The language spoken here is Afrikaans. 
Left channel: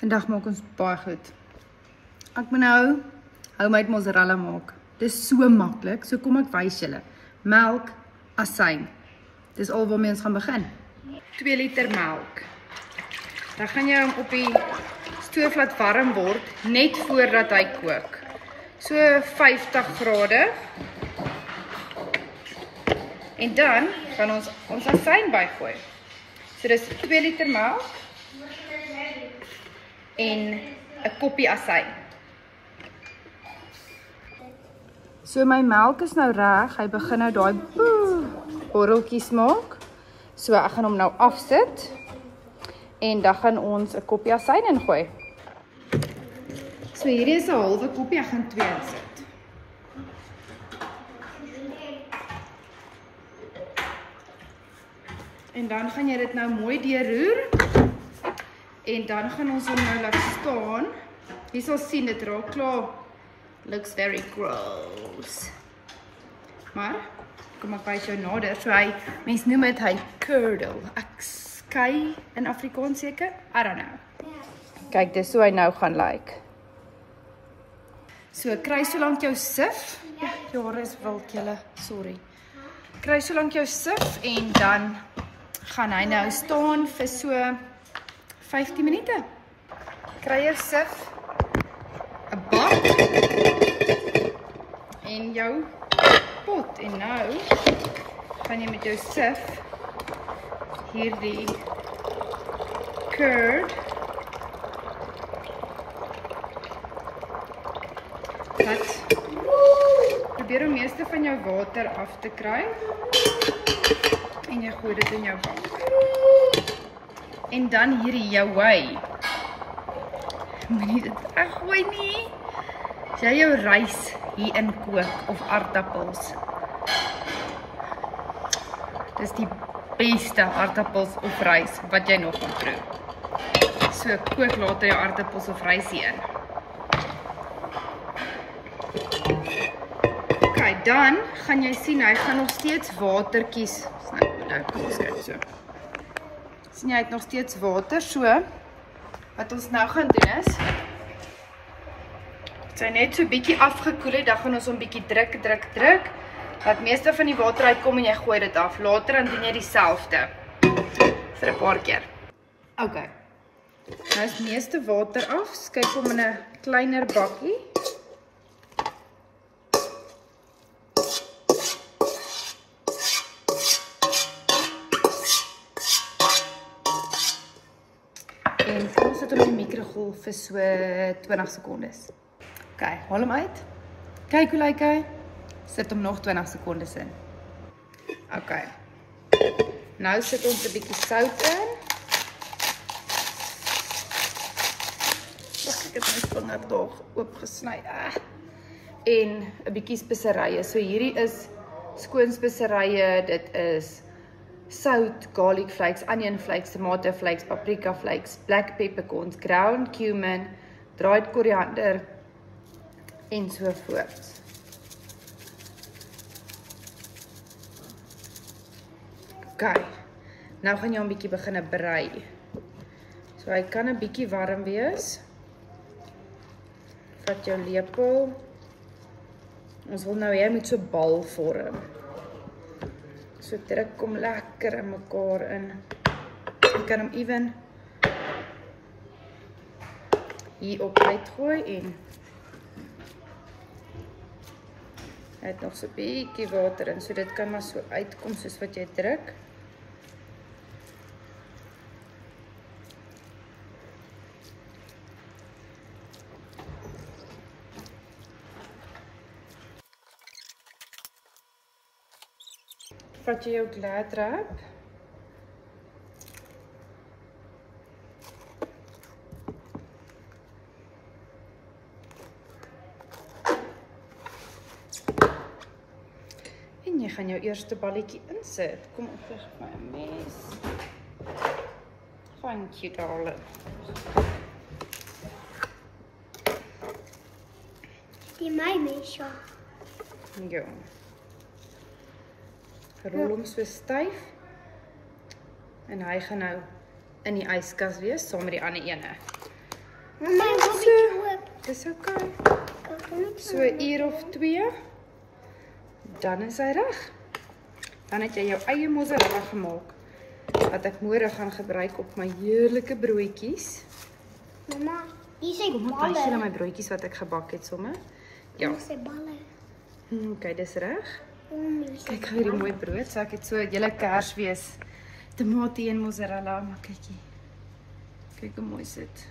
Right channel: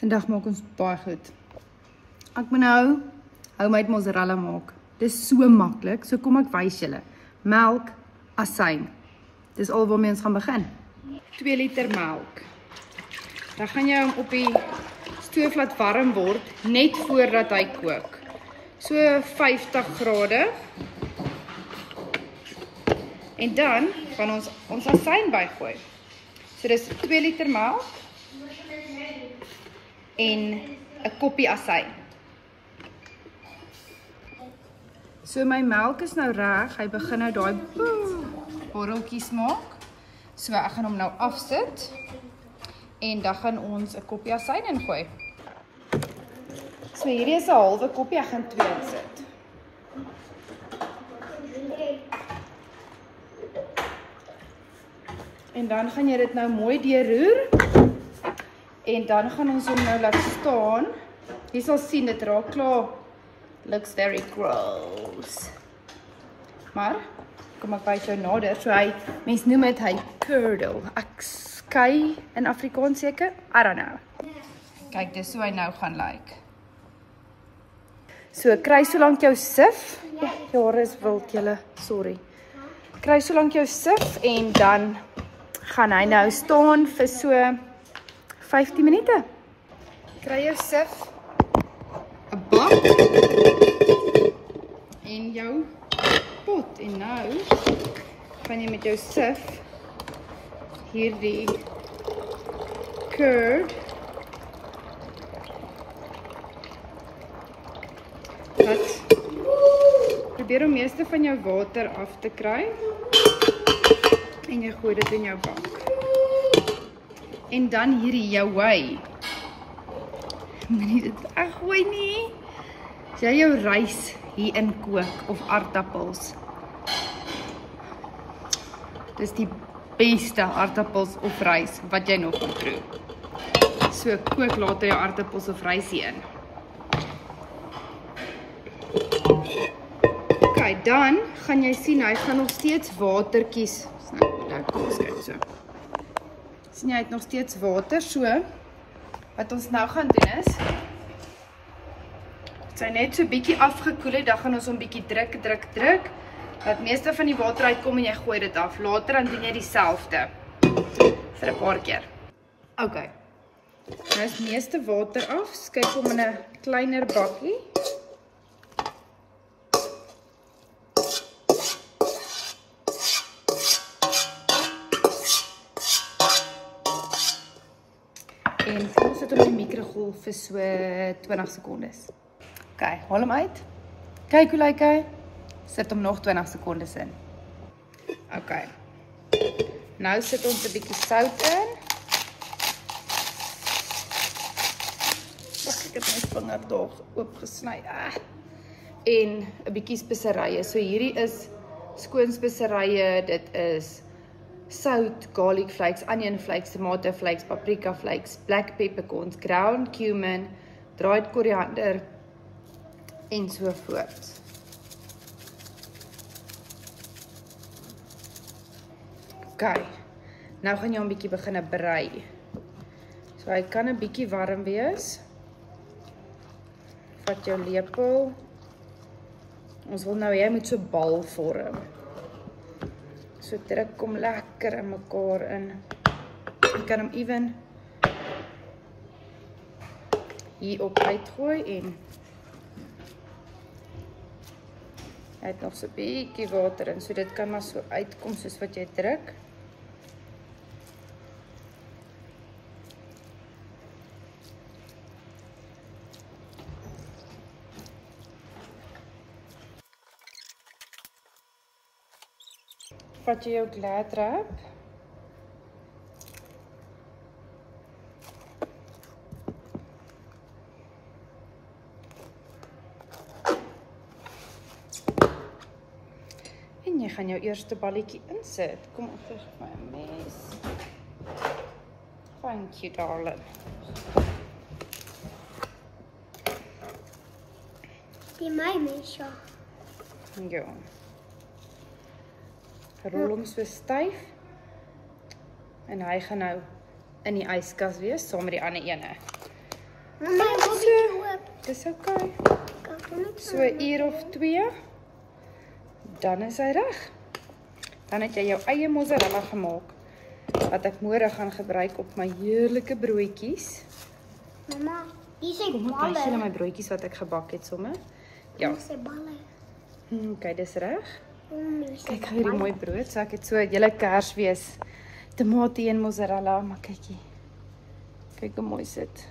Vandag maak ons baie goed. Ek moet nou homemade mozzarella maak. Dis so maklik, so kom ek wys julle. Melk, asyn. Dis al waarmee ons gaan begin. 2 liter melk. Dan gaan jy hom op die stoof laat warm word, net voordat hy kook. So 50 grade. En dan gaan ons asyn bygooi. So dis 2 liter melk en 'n koppie asyn. So my melk is nou reg, hy begin nou daai borreltjies maak. So ek gaan hom nou afsit en dan gaan ons 'n koppie asyn ingooi. So hierdie is 'n halwe koppie, ek gaan 2 insit. En dan gaan jy dit nou mooi deurroer. En dan gaan ons hom nou laat staan. Jy sal sien dit raak klaar. Looks very gross. Maar kom ek wys jou nader. So mens noem dit hy curdle. Ek skei in Afrikaans seker. I don't know. Kyk, dis hoe hy nou gaan lyk. So kry so lank jou sif. Ja, jou hare is wild julle. Sorry. Kry so lank jou sif en dan gaan hy nou staan vir so 15 minute. Kry jou sif, 'n bak en jou pot. En nou gaan jy met jou sif hierdie curd probeer om meeste van jou water af te kry en jy gooi dit in jou bak. En dan hierdie jou whey. Moenie dit weggooi nie. As jy jou rys hier in kook of aardappels. Dis die beste aardappels of rys wat jy nog kan proe. So kook later jou aardappels of rys hier in. Okay, dan gaan jy sien hy gaan nog steeds watertjies. Kom ons kyk so. Sien jy het nog steeds water, so wat ons nou gaan doen is as hy net so bietjie afgekoel het, dan gaan ons hom bietjie druk, dat meeste van die water uitkom en jy gooi dit af. Later dan doen jy dieselfde vir 'n paar keer. Ok, nou is meeste water af, skep hom in 'n kleiner bakkie. En ons sit hom in die mikrogolf vir so 20 sekondes. Ok, haal hom uit. Kyk hoe lyk hy. Sit hom nog 20 sekondes in. Ok. Nou sit ons 'n bietjie sout in. Ek het my vinger tog oopgesny. En 'n bietjie speserye. So hierdie is skoon speserye, dit is sout, garlic flakes, onion flakes, tomato flakes, paprika flakes, black peppercorns, ground cumin, dried koriander en so voort. Ok, nou gaan jy hom bietjie begin brei. So hy kan 'n bietjie warm wees. Vat jou lepel. Ons wil nou jy moet so bal vorm. So druk hom lekker in mekaar in. Jy kan hom ewen hier op uitgooi en hy het nog so 'n bietjie water in, so dit kan maar so uitkom soos wat jy druk. Vat jy jou glad wrap. En jy gaan jou eerste balletjie insit. Kom op, gee my 'n mes. Thank you, darling. Die my mes, ja. Ja. Rol hom so styf. En hy gaan nou in die yskas wees saam met die ander ene. Mama, ek wil bietjie oop. Dis okay. Kan hom net So 'n uur of 2. Dan is hy reg. Dan het jy jou eie mozzarella gemaak wat ek môre gaan gebruik op my heerlike broodjies. Mama, hier is Kom op, wys julle balle. my broodjies wat ek gebak het sommer. Ja, Hier is balle. okay, dis reg. Hier is Kyk hierdie mooi brood. So ek het so 'n hele Kersfees tomatie en mozzarella, maar kykie. Kyk hoe mooi sit.